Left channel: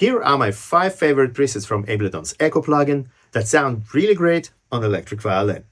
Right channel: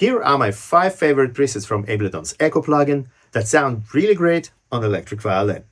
Here are my 5 favorite presets from Ableton's Echo plugin that sound really great on electric violin.